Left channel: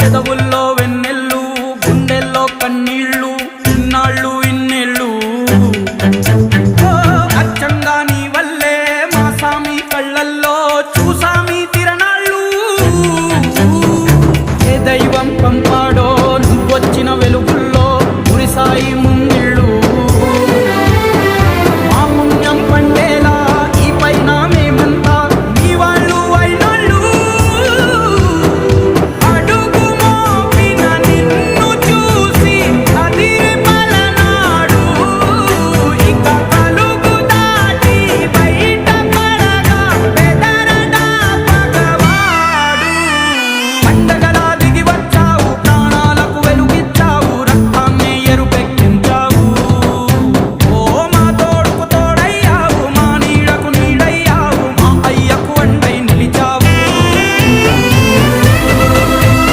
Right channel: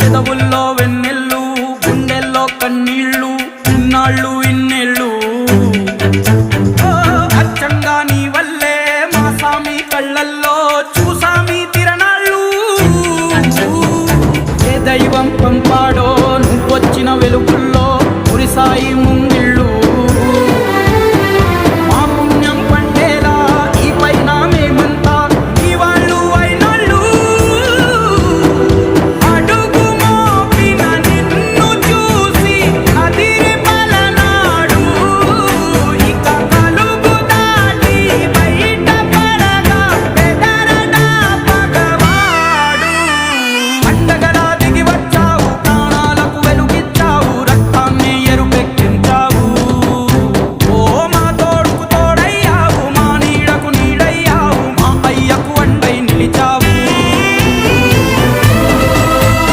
పెదవుల్లో వెన్నెల్లు గుండెల్లో కన్నీళ్ళు ఇన్నాళ్ళు ఇన్నేళ్ళు అచ్చంగా నీ వల్లే మా సామి కళ్ళల్లో చూసామి తిరణాళ్ళు ఏ దైవం పంపాడో నువ్వొచ్చిన వెలుగుల్లో మురిసాయి ముంగిళ్ళు